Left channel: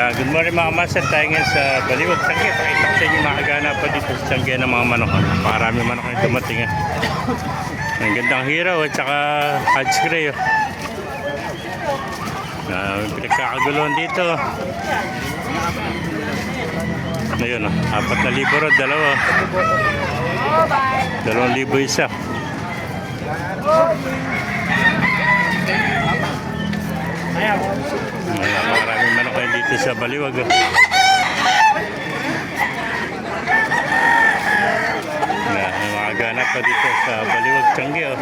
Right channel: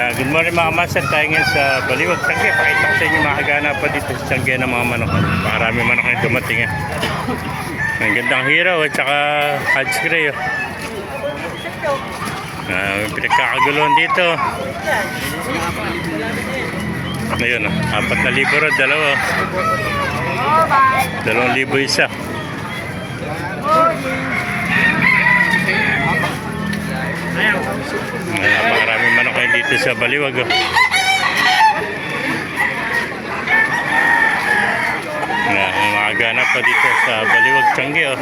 Good morning mga master, tayo ngayon sa Baliwag, Tiangge. Pakita ko sa inyo mga kaganapan dito sa Tiangge ng mga manok. Marami manok na dumating. Ang gandang hiraw at saka Hodge Gray. Pinagkakaguluhan dito. Ngayon, 4,000 rod, dalawa. 2,000 isa. Maraming manok kayo dito sa Baliwag. Makaganap pa dito sa Baliwag, Tiangge.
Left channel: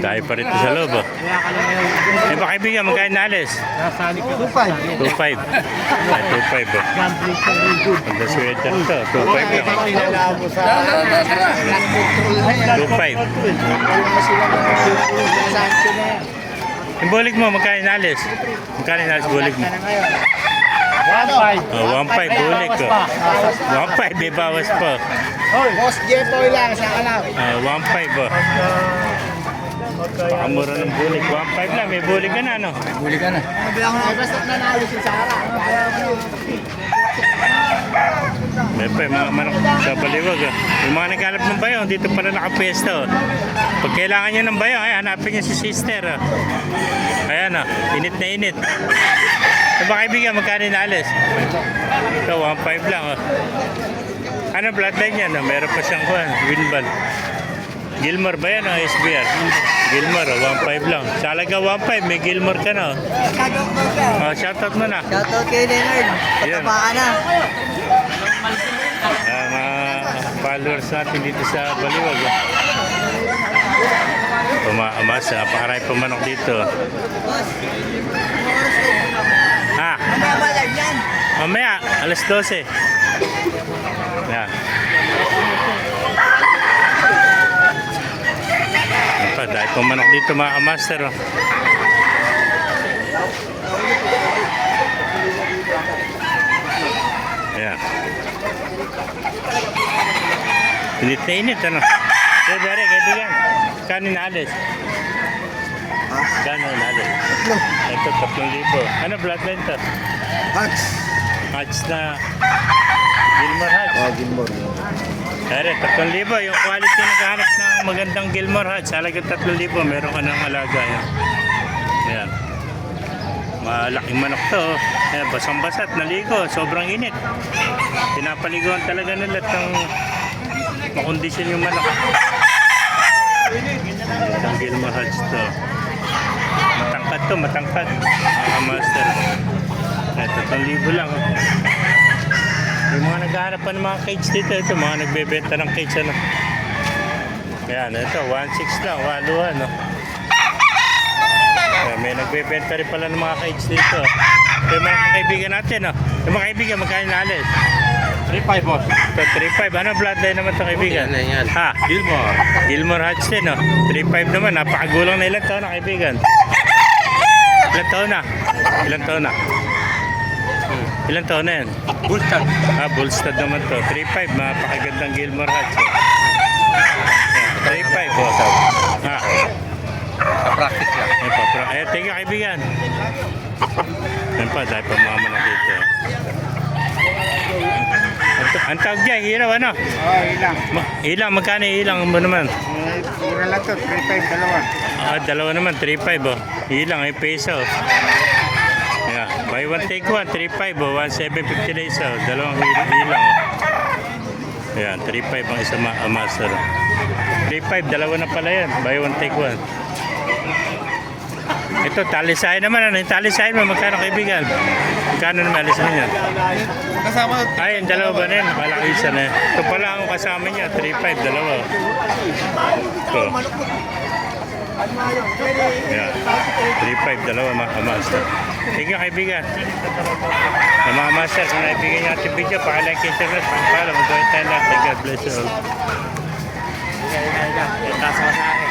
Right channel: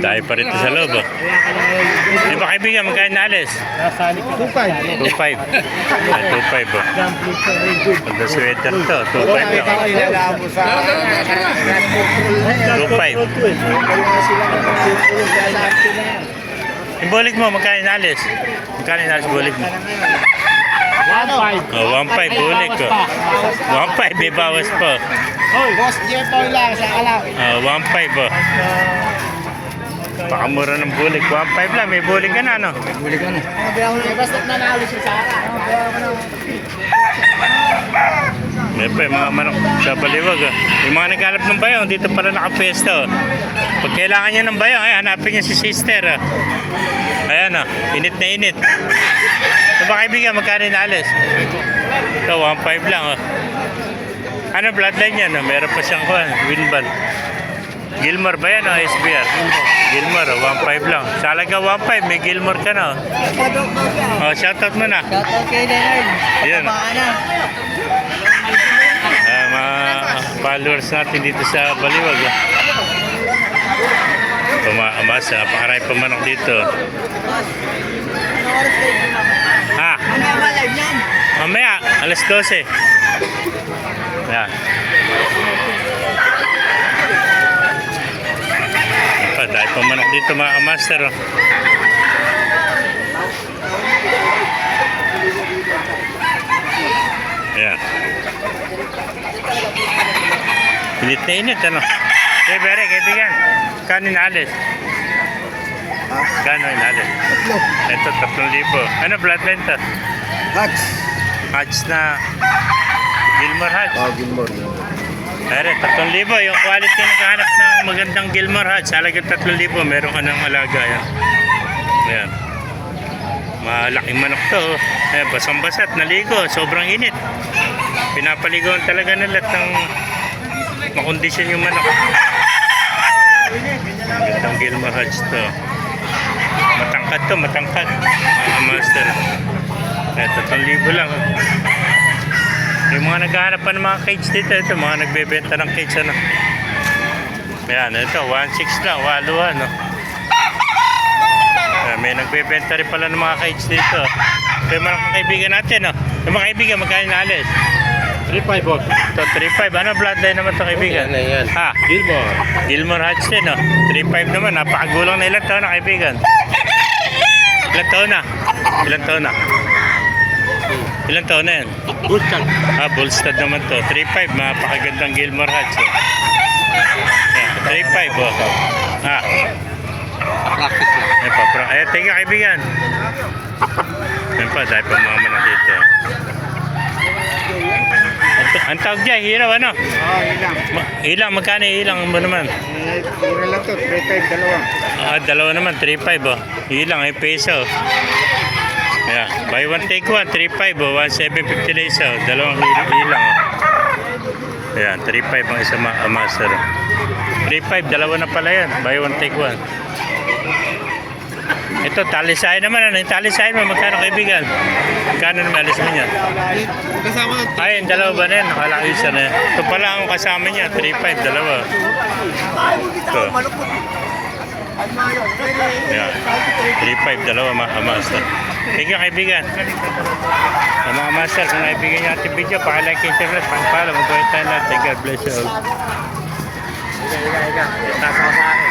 Dahil pa rito sa loob. May ba kaibigan, magkano na alis? 2.5. 2.5. 2.5. Ang sweater to. 2.5. 2.5. Yung bulig mo, magkano na alis? Magkano na alis bulig mo? 1.5. 1.5 bulig ko. 1.5 may bawas po. Boss Jetoy lang, saka lang. 1.5 oh. Pakamura ng bulig. 1.5 lang. May bulig ka na, no? May bulig ka na. Basta't nanalo si Sara. May pa yung mga manok sa Baliwag. Yung mga naghanap ng bayaw, dito pala nakapwesto. Pag kailangan nyo ng bayaw, ay hanapin nyo si sister. Ayan o, init na init. Diba kaibigan, magkano inalis? Ito, 1.5 lang. Ano bloodline yan? Meron pa siyang winband. Gilmore ba yan o SBR? Gilmore, 1.5 lang. Sa halaga 1.5, may Gilmore ka na. Shoutout mo na. Shoutout kay Leonard. Ayan. Mga followers natin dito sa Baliwag. Pumaamas, napakarami pa manok dito. Ha? Mamaya, alas 12. Yan. Dahil pa manok dito mga master. Ayan. Init na init, ano? Okay, Bere, kaibigan. Kano inalis? Kano inalis? Ito, 3,000. Ano bloodline to? Hatch. Hatch na Gilmore Hatch. Gilmore. Pero 3,000. Yung quality naghahanap ng magandang Gilmore Hatch. Halagang 3,000. Meron ka ng alaga. Yan. Ayan. Malaking manok to. Ayan, basang-basat. Naligo. Sobrang init. Pinapaligoan talaga nila ng makondisyon yung manok. Magandang Gilmore Hatch to. Matangkad to. Matangkad. Master. Ayan, 3,000 lang. Yung mga naghahanap pa ng mga cage dito, ito mga nagbebenta ng cage, ano. Ayan, ito 1.6 lang, walo, ano. Ayan, may nagbebenta rin pala ng mga cage dito. Ito yung mga kaibigan natin, no. Yung mga kaibigan, magkano nalis? 3.5 boss. Ito 3.5, ano bloodline naman ito kaibigan? Ha? Gilmore. Gilmore Hatch din, no. 3.5 naman, napakagulang na ilang taon na kaibigan. Ilang taon na? Ilang taon na? Ilang taon na yan? Bullstad. Bullstad naman to. 3.5, mapakagandang Gilmore Hatch. Yeah, 3.5 boss. Practice lang. Thank you kaibigan. Yan pa, dahil pa mama na dito. Ang tawag dyan, hiraw ano? Ilang. Ilang, magkano ilang mo naman? Ilang lang to, 3.5, dalawa. Dalawa naman, 3.5 oh. Ilang, ay peso. Yeah, buy one take one, 3.5 oh, 1,750 na isa, dalawang ilang oh. Ayan, 3.5 ang isa master. 3.5, dalawa na pala yan, buy one take one. Ito, talisahin naman, ano yung talisahin mo, magkano kaibigan? Magkano na nalis mo niya? Kasama. Ayun, dalawa ba na yan? Nakala ko isa na yan. Ito pala ang kasama niya, 3.5, dalawa. Ito. Yeah. 3.5, dalawa mga master. Thank you kaibigan. Mga master, kung naibigan nyo ating video, paka-like, internet, pang-follow, mag-join tayo natin. God bless you all. Iga. Tasa ka sa akin.